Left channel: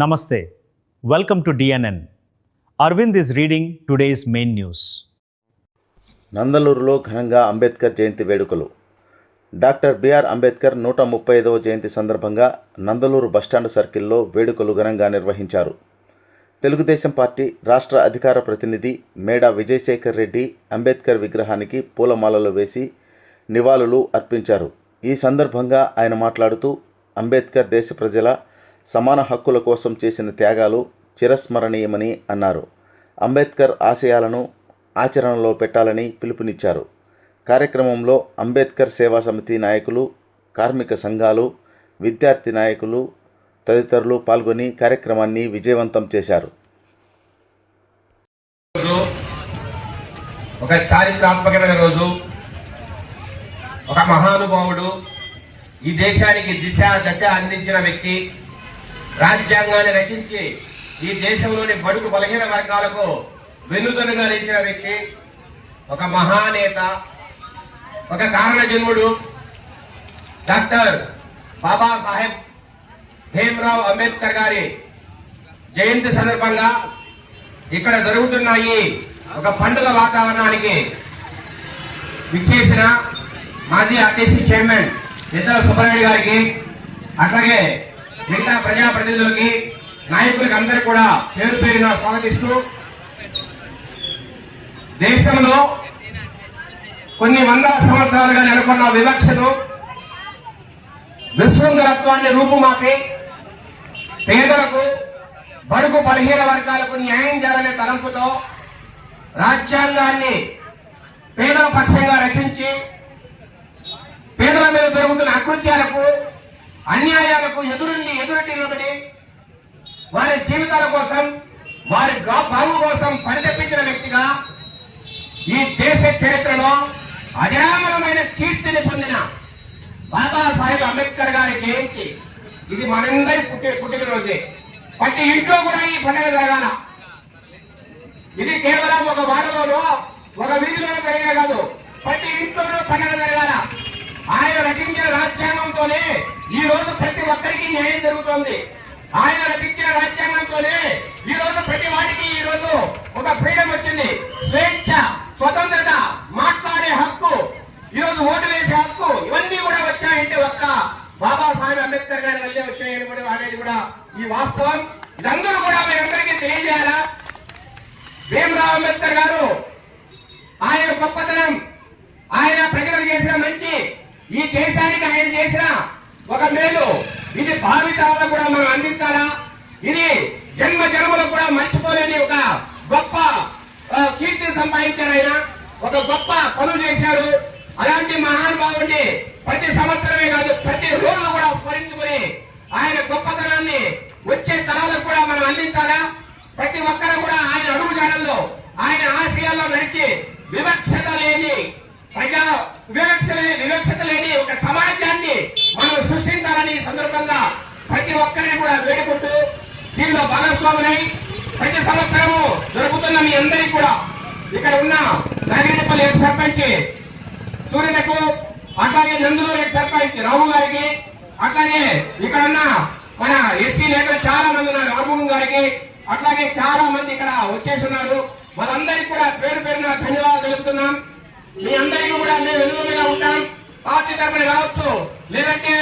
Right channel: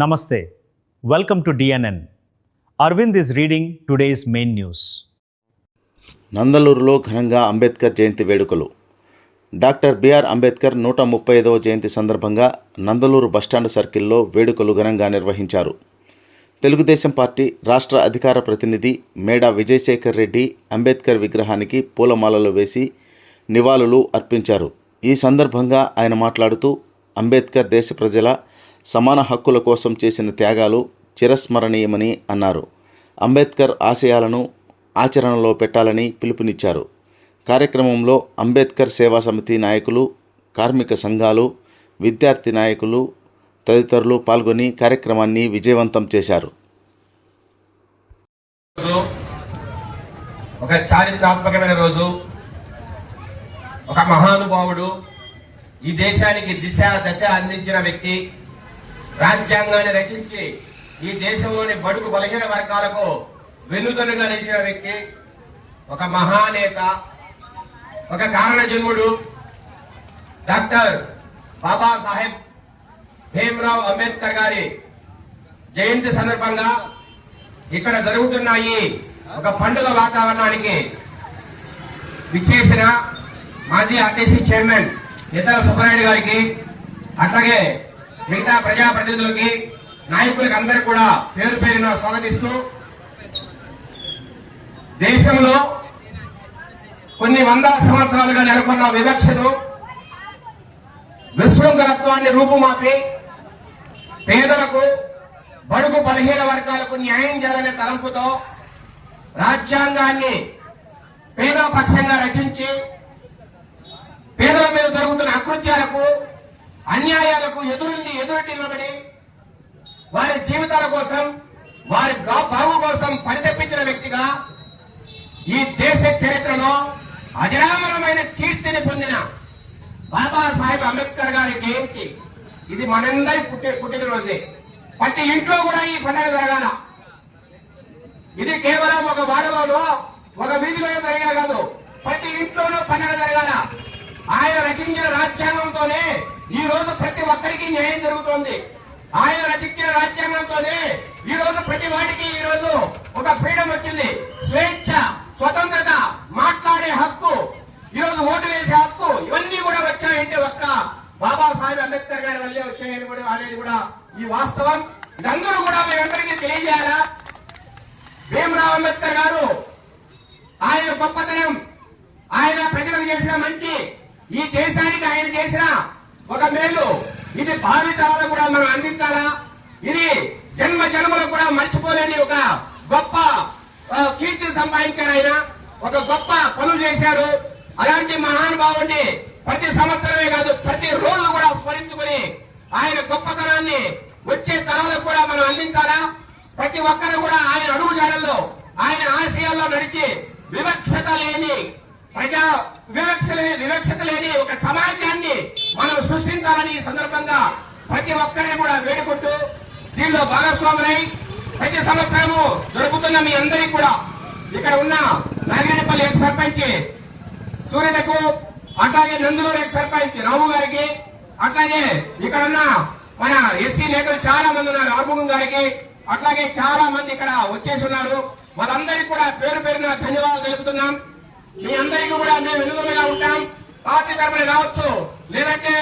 Namaste. Welcome to DNN. Arvind is reading today's main news. నందలూరులో ఘనంగా అంబేద్కర్ జయంతి వేడుకలు. Doctor BR Ambedkar 135వ జయంతి సందర్భంగా Nandaluru bus stand సర్కిల్లో వేడుకలు ఘనంగా నిర్వహించారు. తెలుగుదేశం పార్టీ రాష్ట్ర అధికార ప్రతినిధి మేడా విజయశేఖర్ రెడ్డి అంబేద్కర్ విగ్రహానికి పూలమాలలు వేసి నివాళులు అర్పించారు. ఈ సందర్భంగా ఆయన మాట్లాడుతూ అంబేద్కర్ దేశ ప్రజల సమాన హక్కుల కోసం చేసిన త్యాగాలు చిరస్మరణీయమని అన్నారు. అంబేద్కర్ ఆశయాలను ఆచరణలో పెట్టాలని పిలుపునిచ్చారు. కార్యక్రమంలో అంబేద్కర్ సేవా సమితి నాయకులు, కార్మిక సంఘాలు, విద్యార్థి నాయకులు తదితరులు పాల్గొని కార్యక్రమాన్ని విజయవంతం చేశారు. ఒక చారిత్రాత్మకమైన రోజు. ఒక మహానుభావుడు, ఈ దేశానికి దిశ దశ అందించిన వ్యక్తి, రాజ్యాంగాన్ని రచించి ఈ దేశంలోని బడుగు బలహీన వర్గాలకు వెన్నుదన్నుగా నిలిచిన వ్యక్తి, ఒక మహానేత, ఒక కారణ జన్ముడు డాక్టర్ బాబాసాహెబ్ భీమ్రావ్ అంబేద్కర్ గారి జయంతి సందర్భంగా ఇక్కడ జరుగుతున్నాయి ఒక పండుగ వాతావరణానికి విచ్చేసిన మాజీ ఆర్టీసీ చైర్మన్ నితల సుబ్బరాయుడు గారికి, అట్లాగే మిగతా ప్రజాప్రతినిధులకి, నాయకులకి అందరూ కూడా పేరు పేరున స్వాగతిస్తూ, దేశంలో కొన్ని వందల సంవత్సరాలుగా నెలకొన్న వివక్షను, విశృంఖలత్వాన్ని రూపుమాపి పేదలకు, బడుగు బలహీన వర్గాలకు న్యాయం చేయాలనే తలంపుతో రాజ్యాంగాన్ని పేదల పక్షంగా రచించి పేదల మీద జరుగుతున్న అకృత్యాలకు, అన్యాయాలకు ఎదురుండి నిలబడి వారి జీవితాల కోసం, వారి బావు కోసం పరితపించిన వ్యక్తిగా ఈ దేశ చరిత్రలో అజరామరమైన కీర్తిని పొందిన బాబాసాహెబ్ అంబేద్కర్ గారి జయంతి ఇది మనందరి పుట్టినరోజే. ప్రతి ఇంట్లో కూడా ఈ పండుగ జరగాల. ఇది కేవలం ఒక వాడలోనో ఒక వీధిలోనో జరిగే కాదు, ప్రతి ఇంట్లోనూ పండుగ జరగాల. ఆయన రచించిన రాజ్యాంగంతోనే ఈ రోజు ప్రతి ఒక్కరికి న్యాయం జరుగుతోంది. ఆయన రచించిన రాజ్యాంగంతోనే ఈ రోజు ప్రతి వాడికి ఈ రోజు ఒక ఫ్రీడమ్ వచ్చింది. స్వేచ్ఛ, స్వతంత్రత, మాట్లాడే హక్కు, ఈ రోజు ఓటు వేసే హక్కు, ఇవన్నీ కూడా వచ్చాయంటే ఒక్క బాబాసాహెబ్ అంబేద్కర్ గారి వల్లే వచ్చాయని కూడా అనేది కూడా ఈ వాస్తవం. ఇదందరూ కూడా మీరందరికీ తెలియజేయాలా. భీమ్రావ్ అంబేద్కర్ గారు ఆయన గొప్పతనం, ఆయన ప్రజలకు చేసిన మంచి, ఈ దేశానికి ఆయన చేసిన ఒక మేలు, ఇది భావితరాలకు కూడా మనం అందించాలా. ఇది జన్మ జన్మలకు కూడా మర్చిపోలేని ఒక గొప్ప కీర్తిని సంపాదించారు. ఆయన ఒక గొప్ప పనులు చేశారు. అలాంటి మహానుభావుడిని ప్రతి సంవత్సరమే కాదు, ప్రతి రోజు కూడా స్మరించుకుని ఆయన గొప్పతనాన్ని వచ్చే తరాలకు కూడా మనం అందించాలా. ప్రతి ఒక్కరు కూడా ఆయన అడుగుజాడల్లో, ఆయన ఆశయాల్లో నడిచి వివక్షత లేని ఒక సమాజాన్ని మనం సృష్టించాలని ఈ సందర్భంగా ప్రతి ఒక్కరిని కూడా వేడుకుంటూ దీనిలో భాగస్వాములై ప్రతి సంవత్సరము జరుగుతున్న మీ అందరికీ కూడా ఇక్కడ ఉన్న నారాయణపల్లి ఎక్స్ సర్పంచ్ సూర్యులకు, అట్లాగే నందులూరు ఎక్స్ సర్పంచ్ రాము గారికి, అట్లాగే ఇక్కడ ఉన్న మన ఎస్సీ నేతలు చాలా మంది ఉన్నారు, ఆర్మూగం గారికి, అట్లాగే చాలా మంది ఇక్కడ వచ్చేసి ఉన్నారు. వాళ్ళందరికీ కూడా పేరు పేరున ధన్యవాదాలు తెలుపుతున్నాం. మీ అందరికీ కూడా మేము వెనుకగా ఉంటాం. పార్టీ తరఫున రావచ్చు, లేదంటే